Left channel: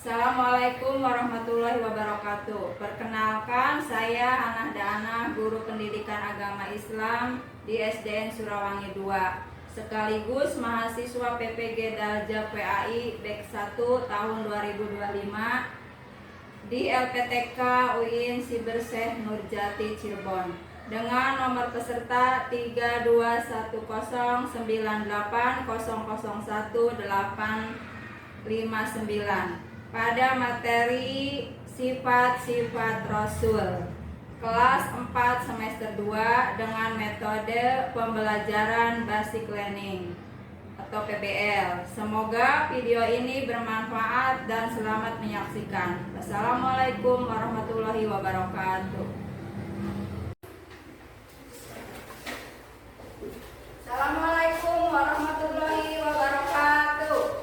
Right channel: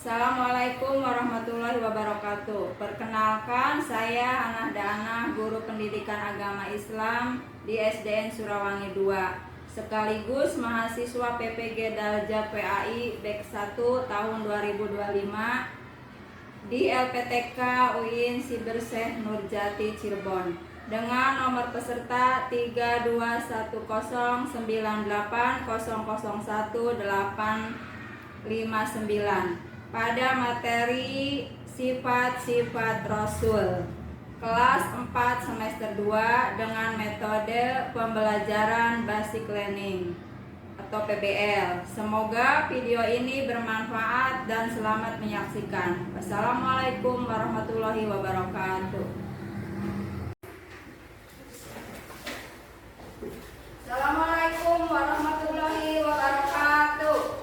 Assalamualaikum warahmatullahi wabarakatuh. Perkenalkan, saya Hana Dana, guru pendidikan agama Islam di SDN Surawangi 2, sekaligus mahasiswa PPG Dalja PAI Bek 1 tahun 2025 di LPTK UIN Siberseh Nurjati Cirebon dengan nomor peserta 32198001859 pada materi sifat-sifat Rasul kelas 4 semester 2 dengan metode pembelajaran basic learning atau PBL. Semoga video ini bermanfaat dan selamat menyaksikan. Wassalamualaikum warahmatullahi wabarakatuh. Assalamualaikum warahmatullahi wabarakatuh.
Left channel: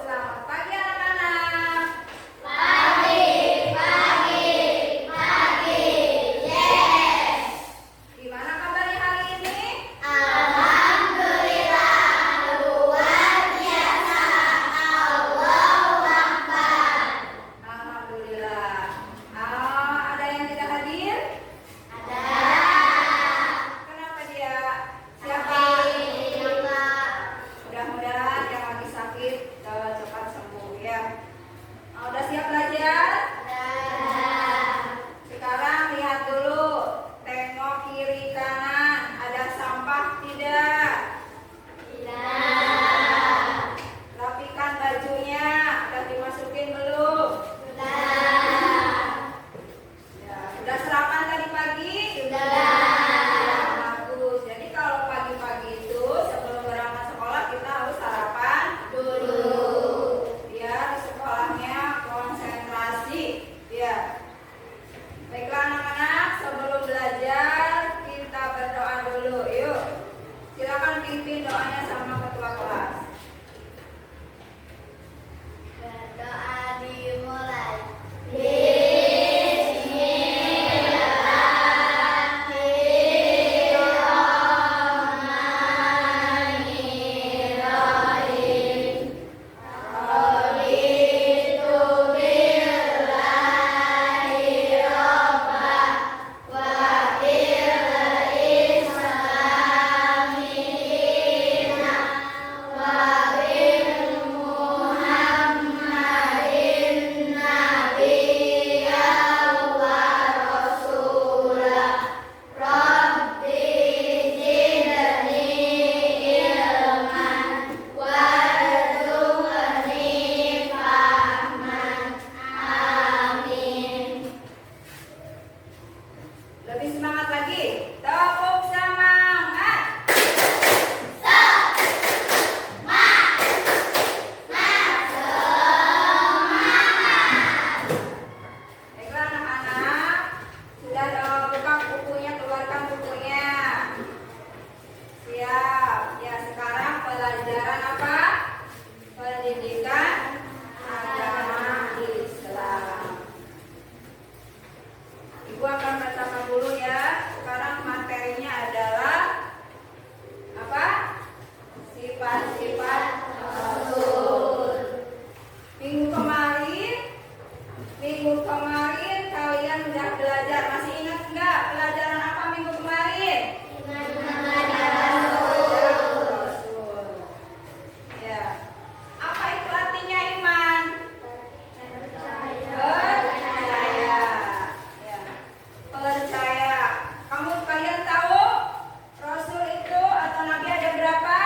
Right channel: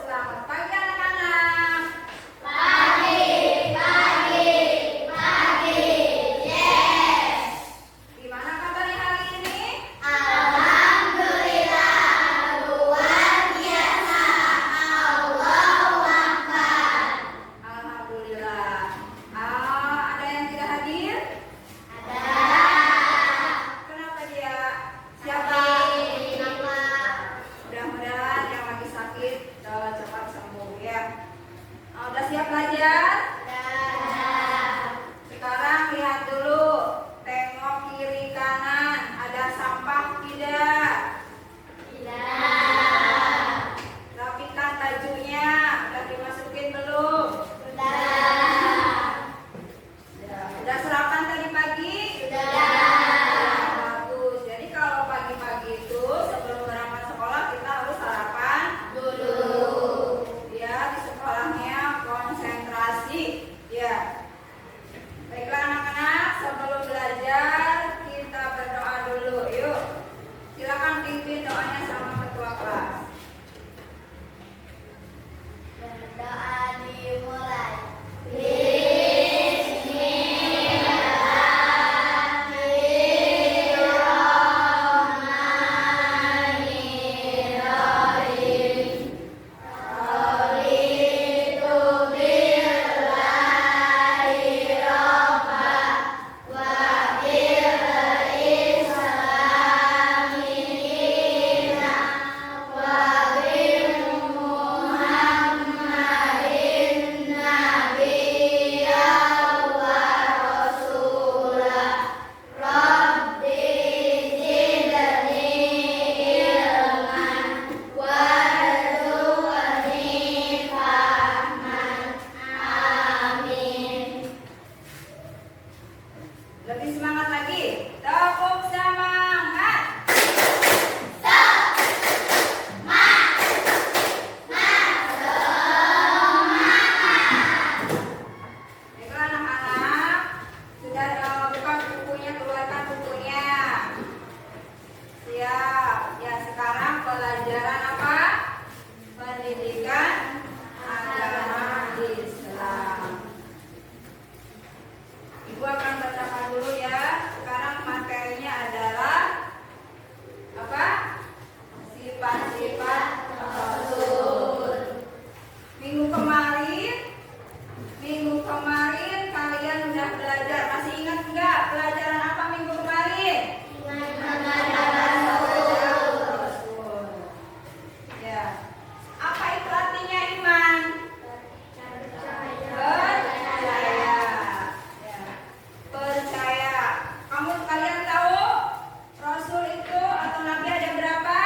Selamat pagi anak-anak. Gimana kabarnya hari ini? Alhamdulillah. Ada yang tidak hadir? Kenapa dia? Siapa? Mudah-mudahan yang lagi sakit cepat sembuh ya. Udah siap belajar? Sekarang lihat dulu, tengok kiri kanan, ada sampah tidak? Rapikan bajunya, udah dimasukin belum? Udah sarapan tadi pagi? Bagus. Jadi kalau pagi-pagi itu sebelum berangkat sekolah kita harus sarapan dulu. Biar di sekolahnya konsentrasi. Ya. Baiklah anak-anak, sebelum belajar kita berdoa dulu. Yuk. Silakan pimpin doanya sama ketua kelas. Berdoa dimulai. Lebih semangat lagi. Tepuk semangat. Baiklah anak-anak, sudah buka bukunya, keluarkan bukunya. Siap. Ya, sekarang pelajaran apa? Pendidikan agama Islam. Ibu akan bacakan dulu ya. Sekarang materinya adalah apa? Sifat-sifat Rasul. Minggu kemarin kalian udah belajar. Masih ingat nggak pelajaran apa minggu kemarin? Rasul. Ya. Apa itu artinya iman? Percaya. Ya. Percaya. Kamu kalian tahu Rasul itu atau Nabi ada berapa?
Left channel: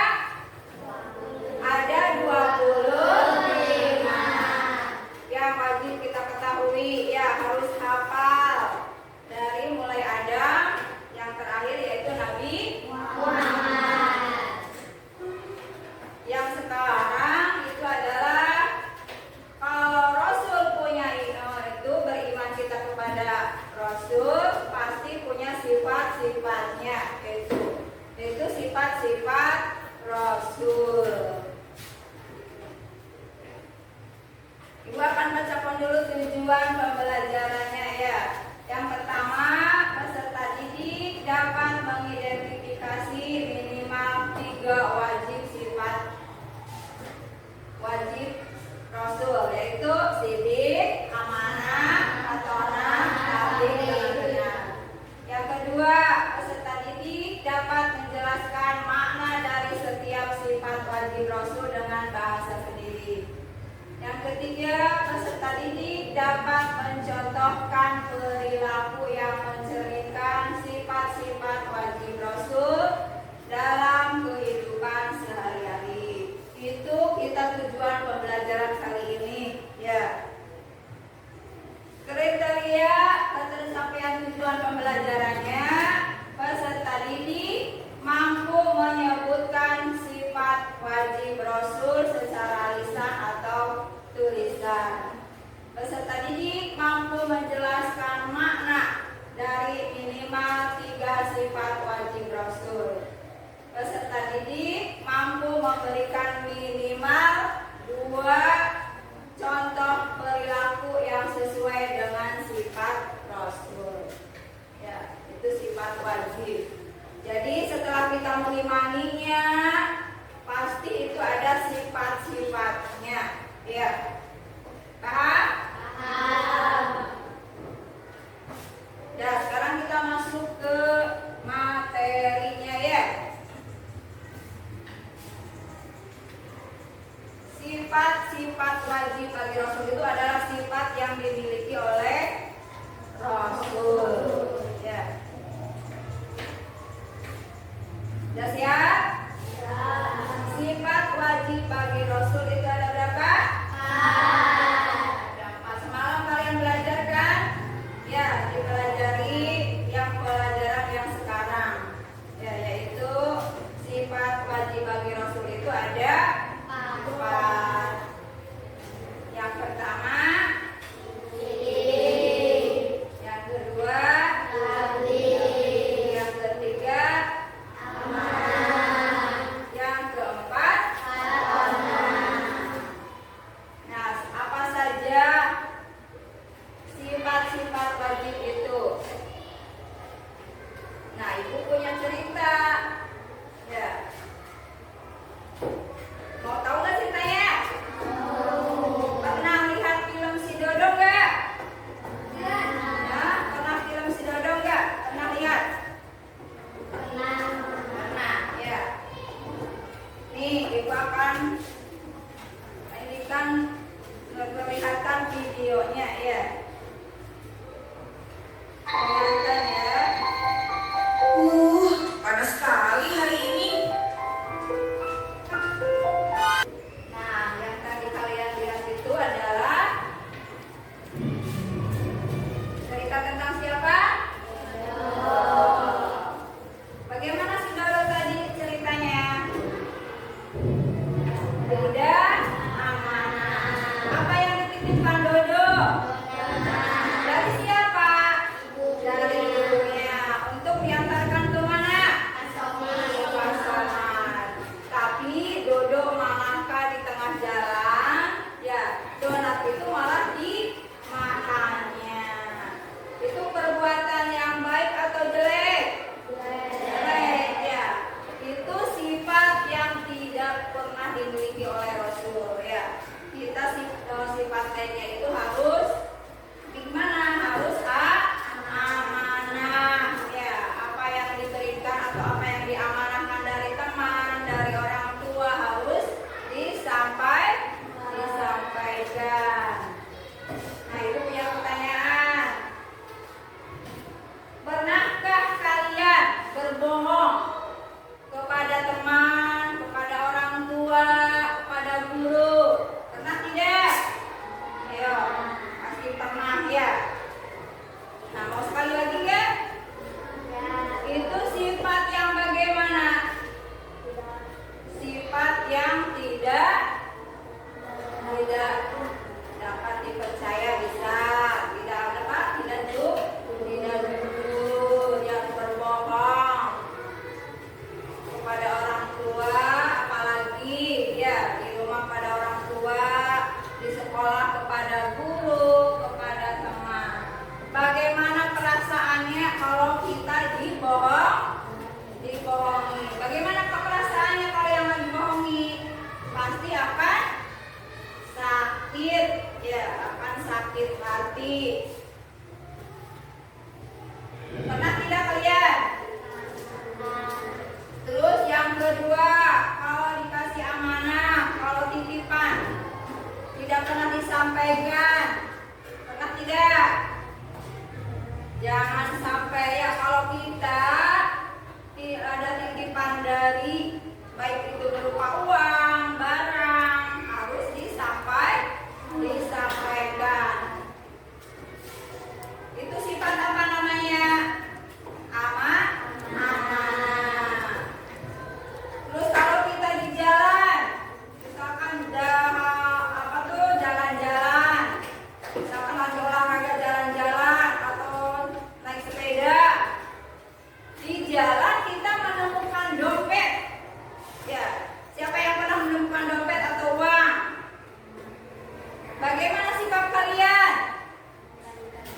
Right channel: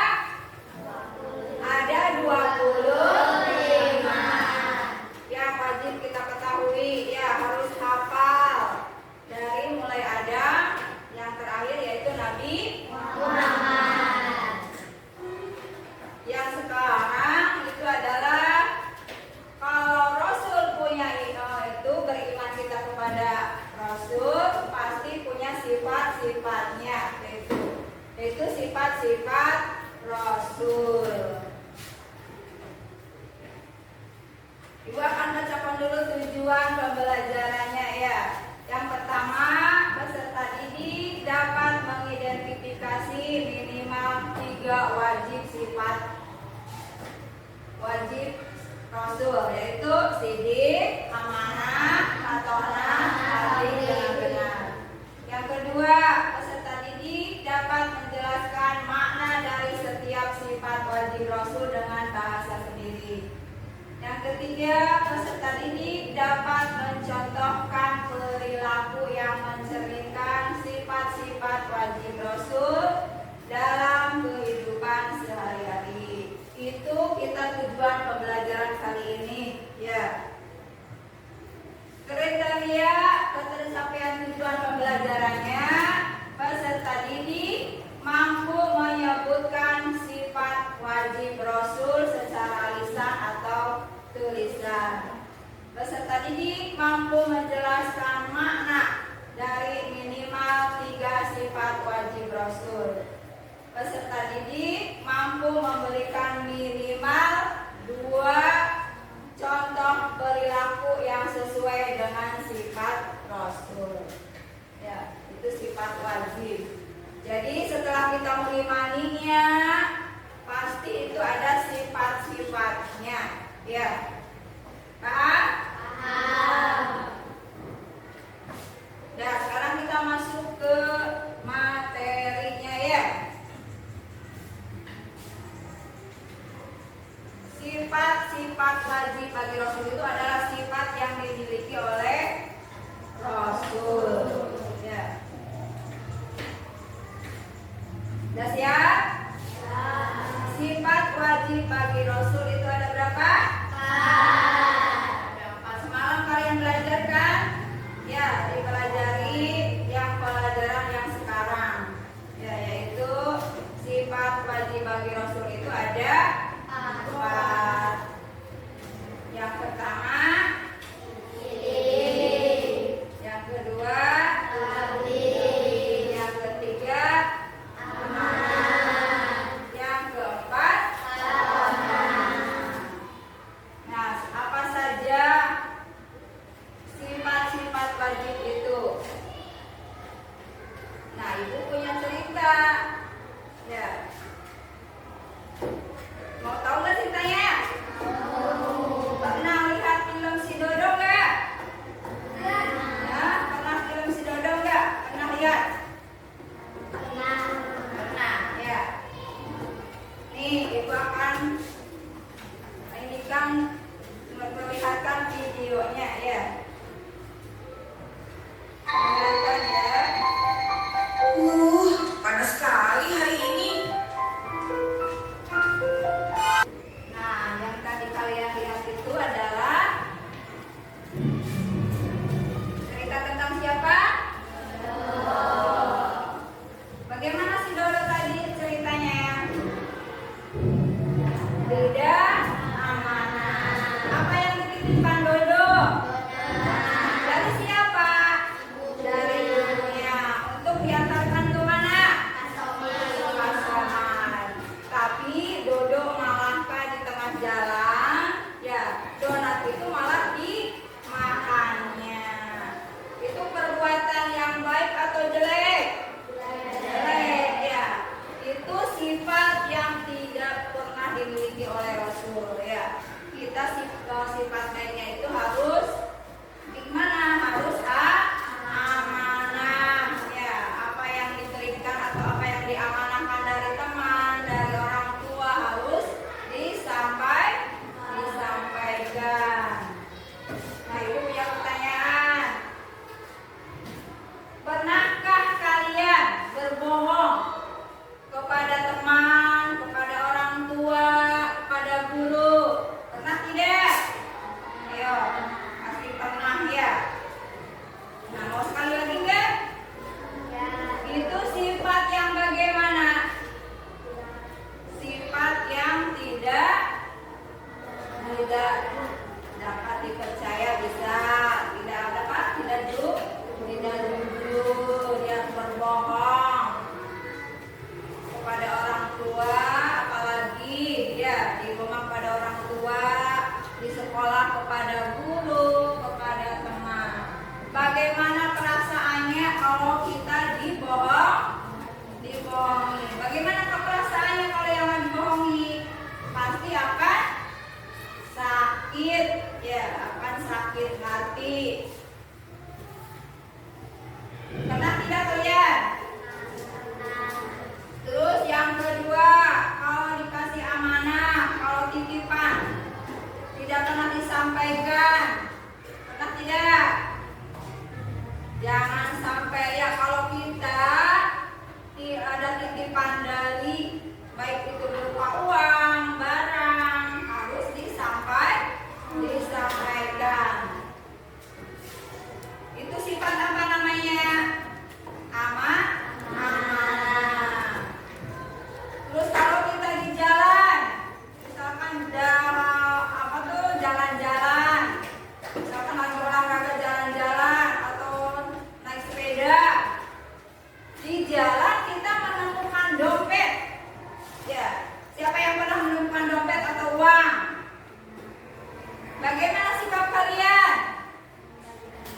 Ada 25. Yang wajib kita ketahui ya, harus hafal dari mulai Adam yang terakhir yaitu Nabi Muhammad. Yang sekarang itu adalah kalau Rasul punya itu beriman kita kepada Rasul pasti punya sifat-sifatnya, itu sifat-sifat Rasul. Ibu akan bacakan dulu tujuan pembelajarannya ya. Yang pertama, peserta didik dapat mengidentifikasi minimal 3 wajib sifat wajib Rasul, yaitu sidik, amanah, matonah, adil, dan benar. Yang kedua, peserta didik dapat menjelaskan makna dari setiap sifat wajib Rasul dengan bahasa sendiri. Yang ketiga, peserta didik dapat mencontohkan perilaku yang mencerminkan sifat-sifat wajib Rasul dalam kehidupan sehari-hari. Itu kita tujuan pembelajaran kali ini, ya. Kriteria ketercapaian tujuan pembelajarannya, peserta didik mampu menyebutkan sifat wajib Rasul secara lisan atau tulisan. Peserta didik mampu menjelaskan makna dari minimal 3 sifat wajib Rasul. Peserta didik mampu memberikan minimal 2 contoh perilaku yang sesuai dengan sifat Rasul. Ya, itu sifat wajib. Jadi setelah kita mengimaninya, pasti itu ada sifat-sifatnya. Ya, paham? Paham. Nah, sekarang kita masuk ke materinya, ya. Sifat-sifat wajib bagi Rasul itu adalah sifat yang dimiliki oleh Rasul. Ya. Sudah siap? Sifat wajib bagi Rasul itu ada berapa? Ada 4. Semalam kalian belajar kan? Ya, dipelajari yang pelajaran yang sekarang. Ya, yaitu sifat wajib bagi Rasul itu ada 4. Yang pertama, yang kedua, yang ketiga, yang keempat, hati. Pernah tidak kalian? Terus yang kedua, kalau dikasih amanah, kalau titipan tidak pernah disampaikan. Pernah tidak? Jangan sampai ya, kalau kita ada titipan dari baik itu berupa uang, barang, harus disampaikan. Itu sifat apa namanya? Amanah. Terus kalau kita di jalan, misalkan jalan-jalan, misalkan lagi olahraga jalan-jalan atau naik sepeda, di jalan kita menemukan dompet. Ya, siapa yang pernah menemukan dompet atau uang? Bagaimana sikap kalian?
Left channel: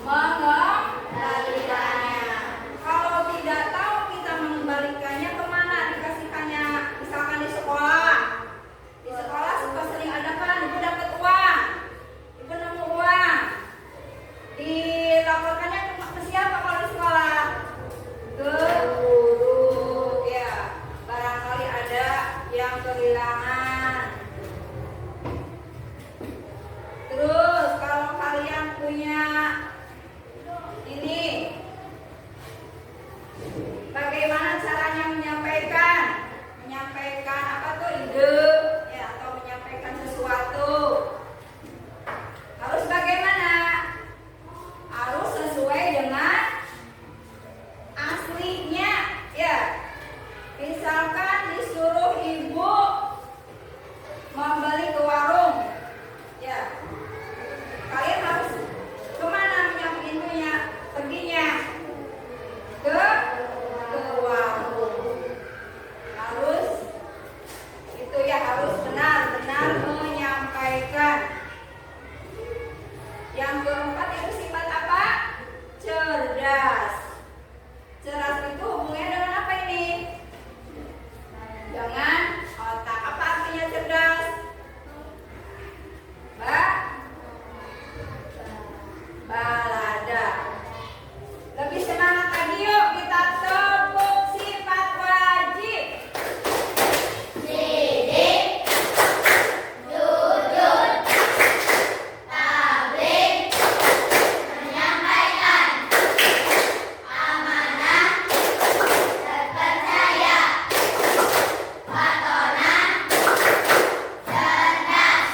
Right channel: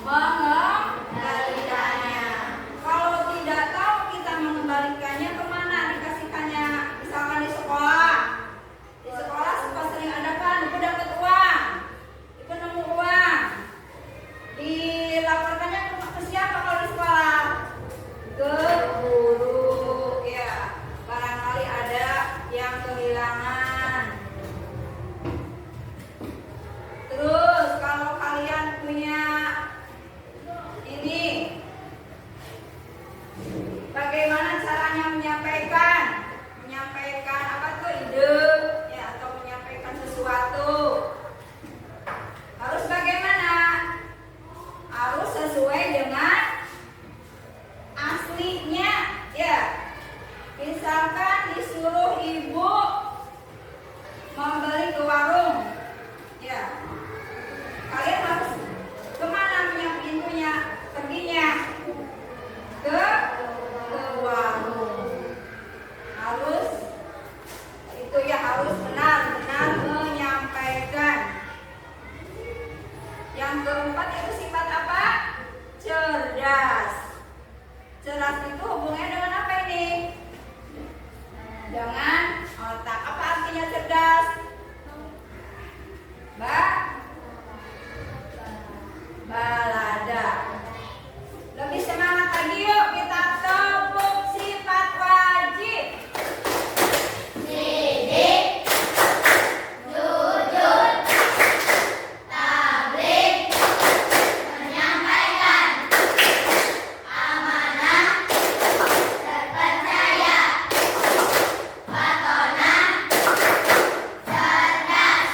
Mengembalikannya. Kalau tidak tahu kita mengembalikannya, kemana dikasihkannya? Misalkan di sekolah. Di sekolah suka sering ada kan, ibu dapat uang, ibu nemu uang. Dilaporkannya ke siapa kalau di sekolah? Ke guru. Ya, barangkali ada yang kehilangan. Terus kalau kalian punya ini, bagaimana caranya menyampaikan apa tuh ide ya, atau menyampaikan sesuatu? Harus bagaimana? Harus sesuai dengan aslinya ya. Misalkan disuruh ibu membeli ke warung ya, kalian harus kemana pintunya? Perginya ke warung. Harus itu ya, harus benar-benar menyampaikan. Yang keempat itu sifat apa? Cerdas. Cerdas itu hubungannya dengan apa ini? Dengan otak. Apa artinya cerdas? Balada. Lebih semangat lagi yuk, kita tepuk sifat wajib. Sidik, jujur, tablik, menyampaikan, amanah, terpercaya, watonah, cerdas.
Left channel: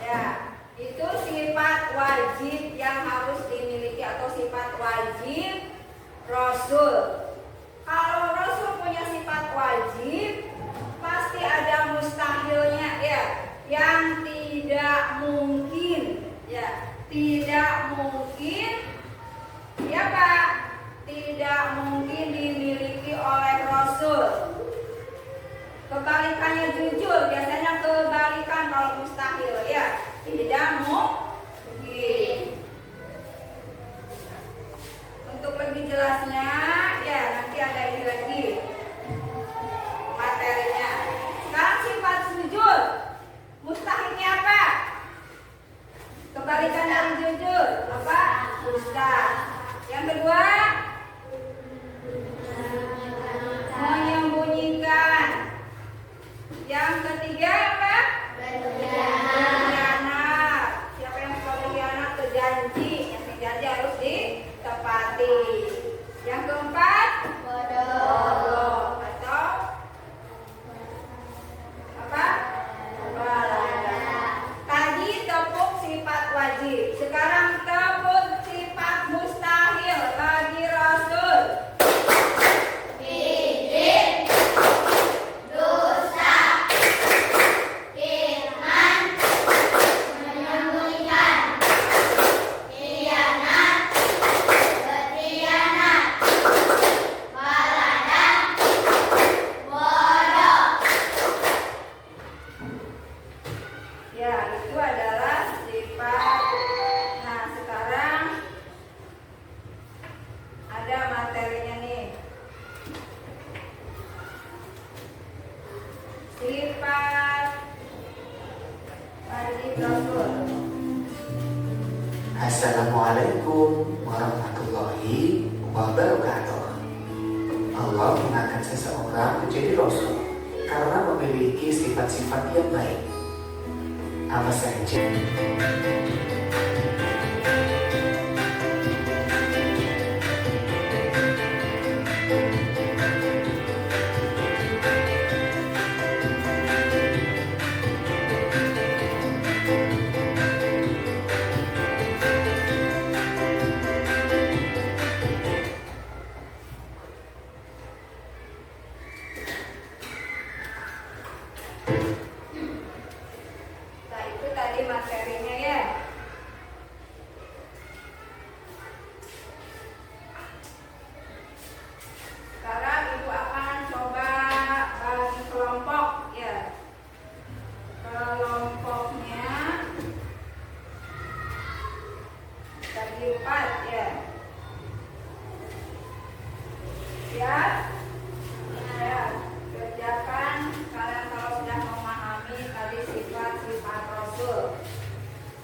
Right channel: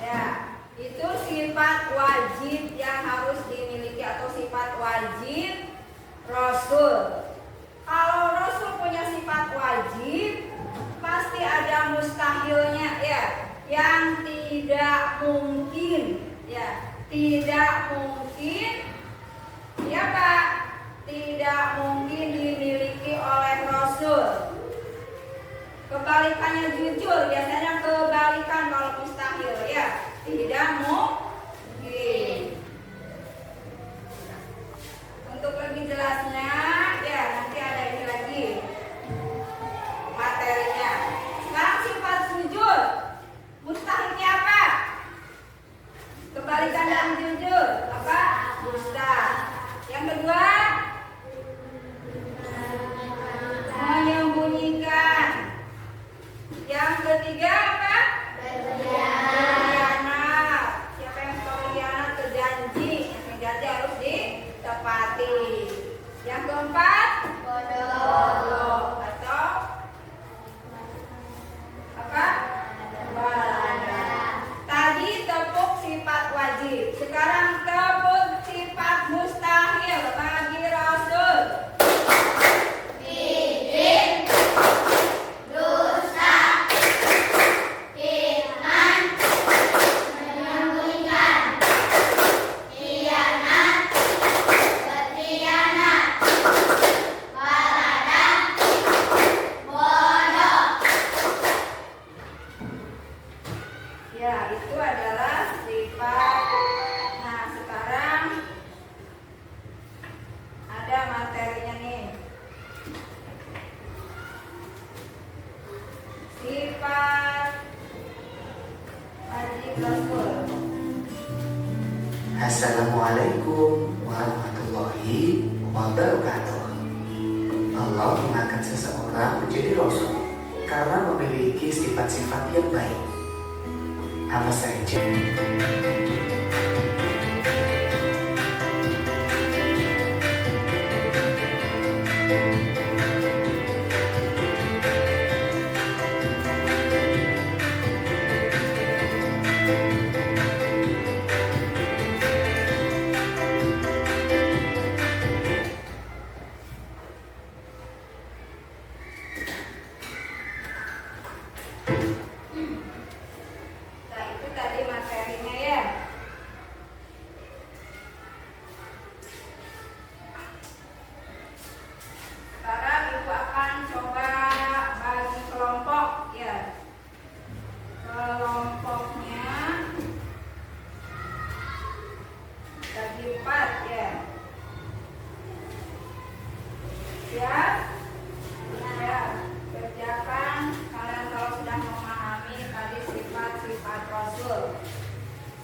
Ya, itu sifat wajib yang harus dimiliki atau sifat wajib Rasul. Kalau Rasul punya sifat wajib, pasti ada mustahilnya ya, yang tidak mungkin ya, tidak mungkin ya Pak, tidak mungkin dimiliki oleh Rasul. Kebalikannya jujur, biasanya kebalikan kalau mustahil ya, tidak mungkin. Untuk lebih jelasnya ya, nanti ada ini lagi materinya. Sekarang sifat jujur, mustahilnya apa? Kebalikan dari jujur apa? Dusta. Yang kedua, menyembunyikan. Yang ketiga apa? Berkhianat. Yang Assalamualaikum warahmatullahi wabarakatuh. Allah mengangkat seseorang menjadi rasul karena memiliki sifat-sifat yang baik. Apa saja? Nah, itu tadi materinya ya. Sekarang Ibu akan coba bagi kelompok ya. Kelompoknya bagi 4 ya. Ya. Ya, kerjakan kalian kalau sudah memahami tadi sifat-sifat Rasul.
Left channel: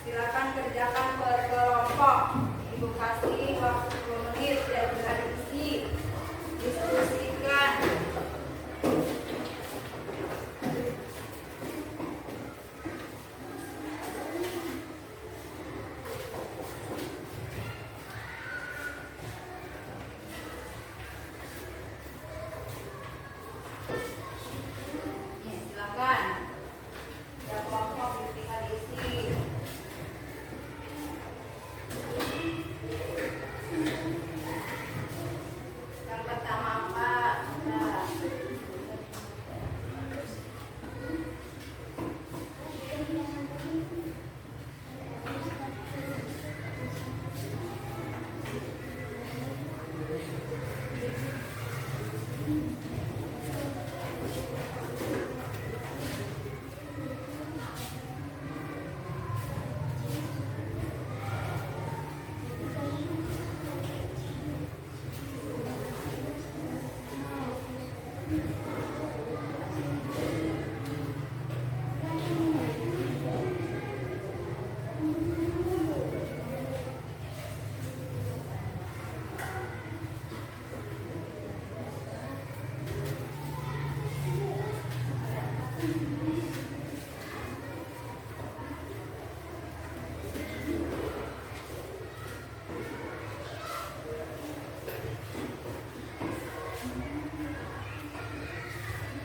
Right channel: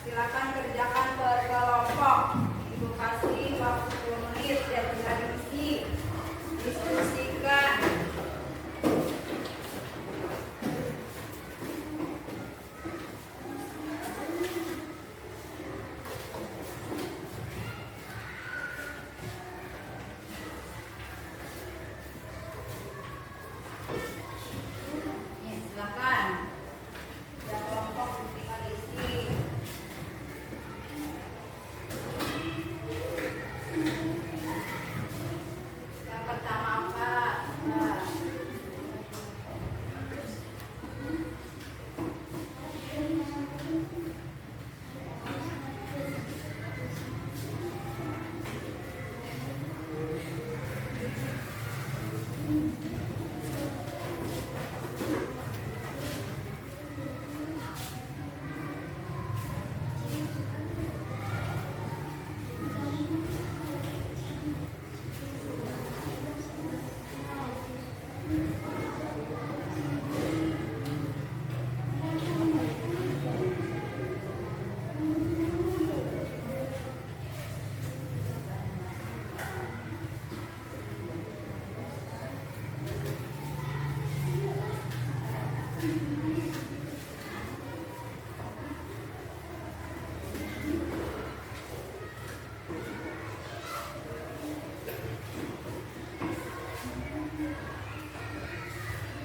Silakan kerjakan per kelompok. Ibu kasih waktu 10 menit ya, bisa diskusikan. Nih, silakan. Ada kelompok tinggal isi. Yang pertama apa? Nah.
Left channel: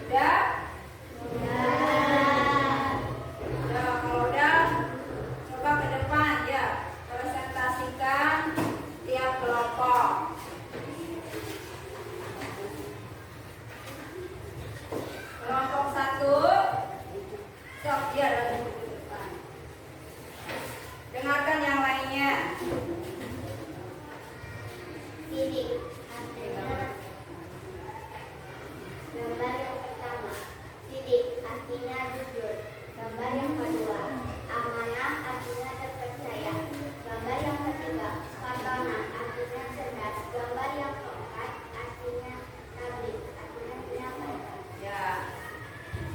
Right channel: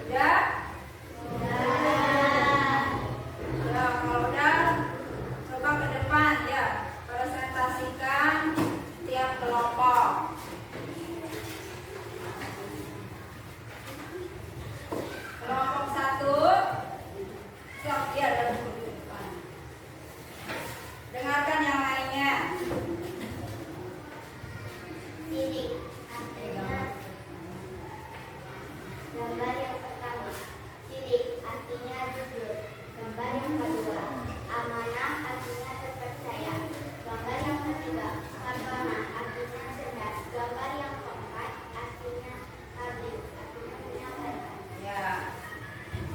Udah? Ya, kalau udah, coba ke depan ya, presentasikan tiap kelompok. Kelompok 1, stop ya, lalu ke depan. Dengarkan yang lainnya. Sidik artinya gambar yang pertama. Sidik artinya jujur. Gambar yang kedua. Amanah artinya terpercaya. Gambar yang ketiga. Fatona artinya cerdas. Gambar yang keempat artinya tablik artinya menyampaikan. Ya.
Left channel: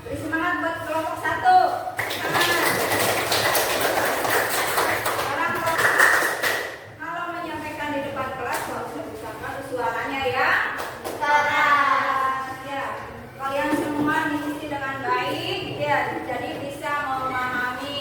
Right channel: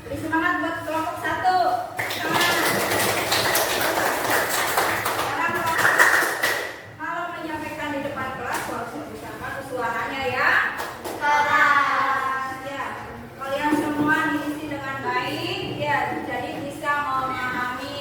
Beri semangat buat kelompok 1. Sekarang kalau menyampaikan di depan kelas harus mengucapkan suaranya ya. Keras. Ya. Kalian semua diisi dengan baik ya, jadi bisa memahami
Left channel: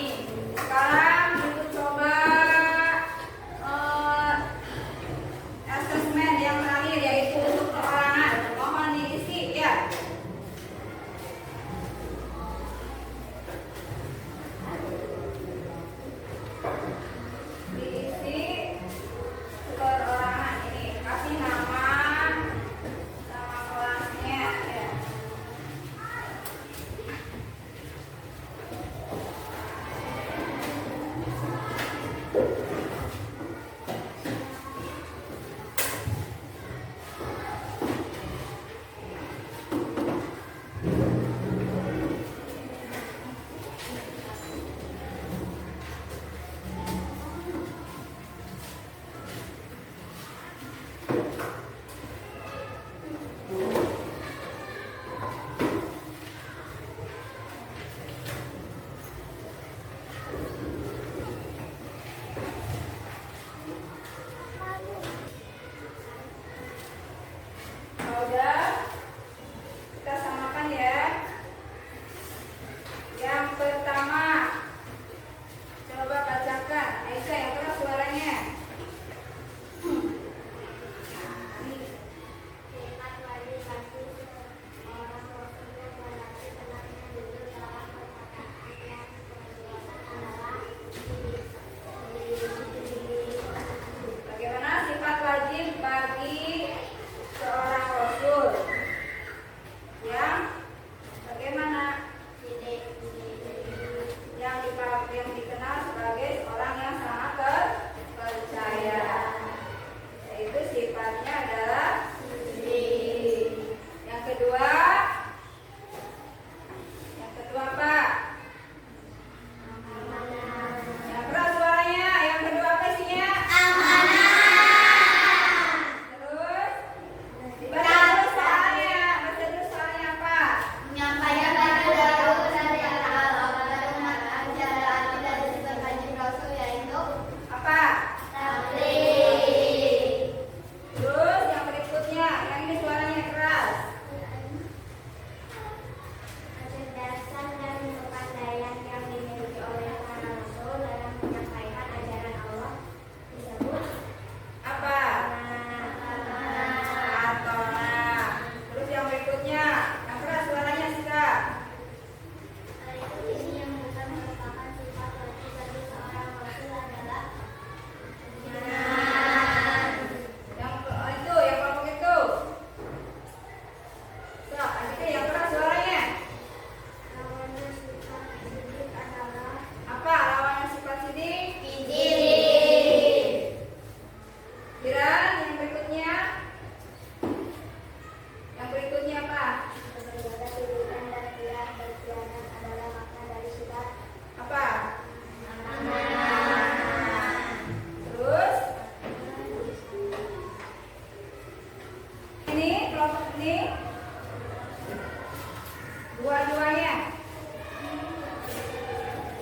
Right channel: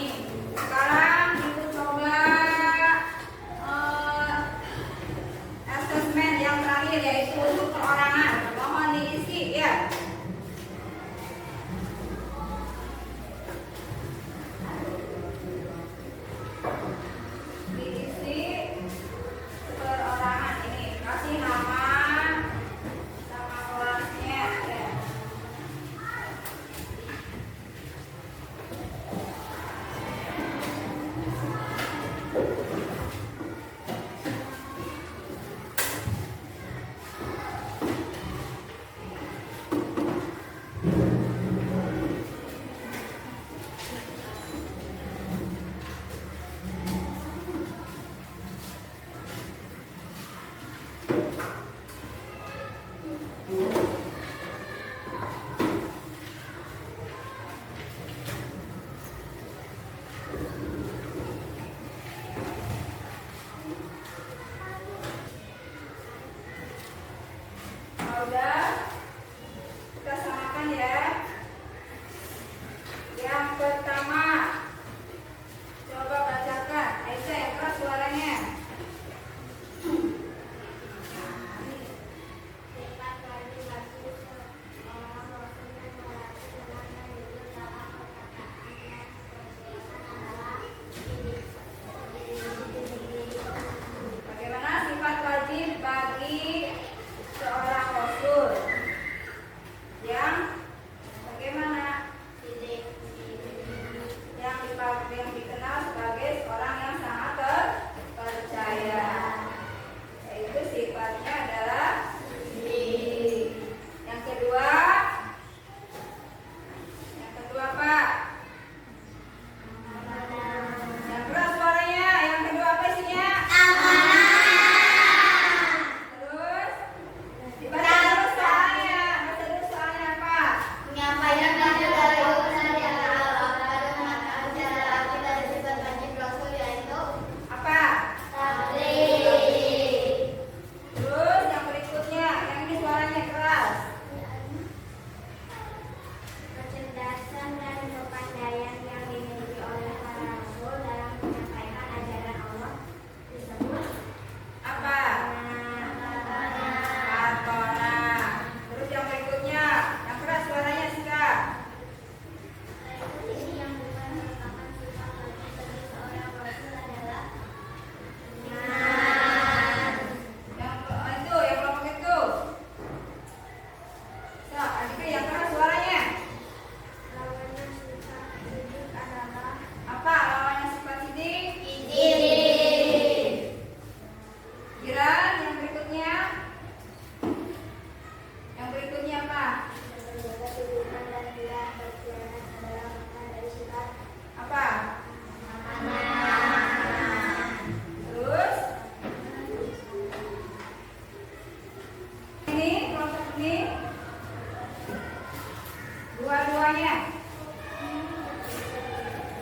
Dua-duanya.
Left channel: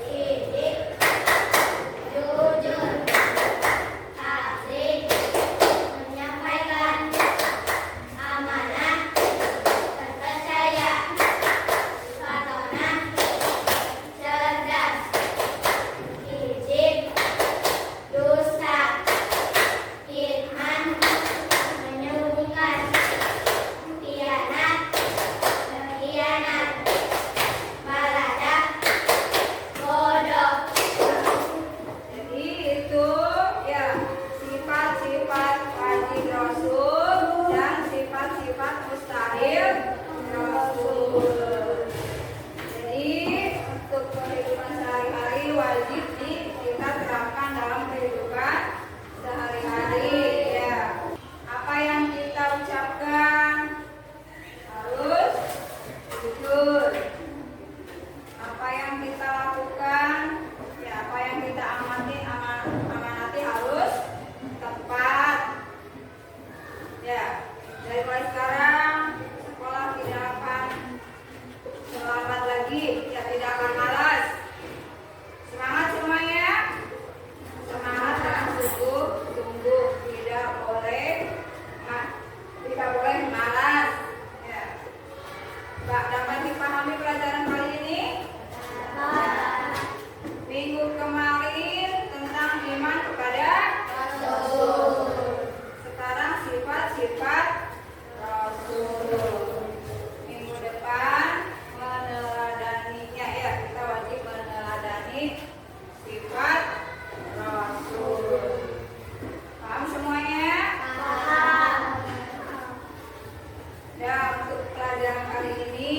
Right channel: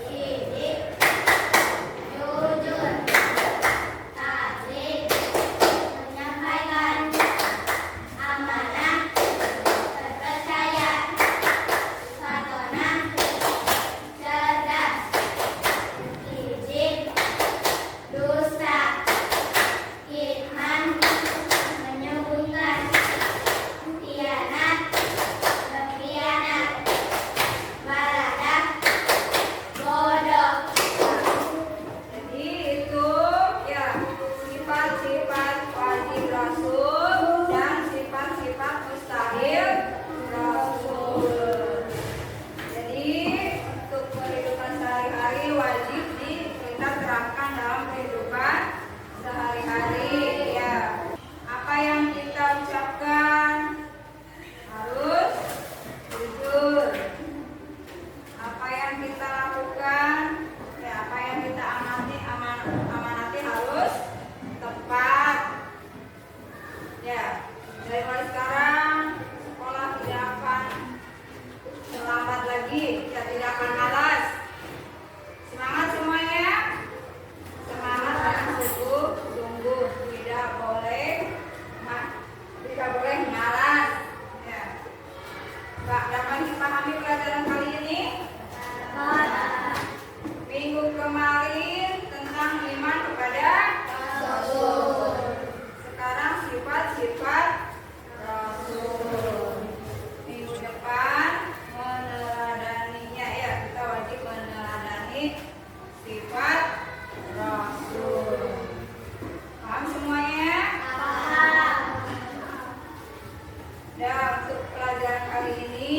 Sidik, jujur, asli, menyampaikan, amanah, terpercaya, patronah, cerdas, izin, dusta, firman, menyembunyikan, khianat, berkhianat, baladah, bodoh. Jadi itu ya sifat-sifat wajib Rasul dan sifat-sifat mustahil Rasul. Jadi untuk kehidupan sehari-hari wajib kita terapkan dalam kehidupan sehari-hari ya. Apa yang kita ucapkan harus jujur. Apa yang kita lakukan, ya apa yang kita amanati harus tepat. Ya, dari mulai sekarang sekolah tidak akan terlambat lagi, ya tidak akan malas. Semangat semuanya, semangat dengan sungguh-sungguh, tidak boleh malas. Ya. Dapat dipahami pelajaran kali ini? Minggu kemarin tentang iman kepada Rasul. Sekarang sifat-sifat Rasul. Minggu depan meneladaninya ya, kita wajib meneladani sifat Rasul. Paham semuanya? Paham. Dan untuk pelajaran kali ini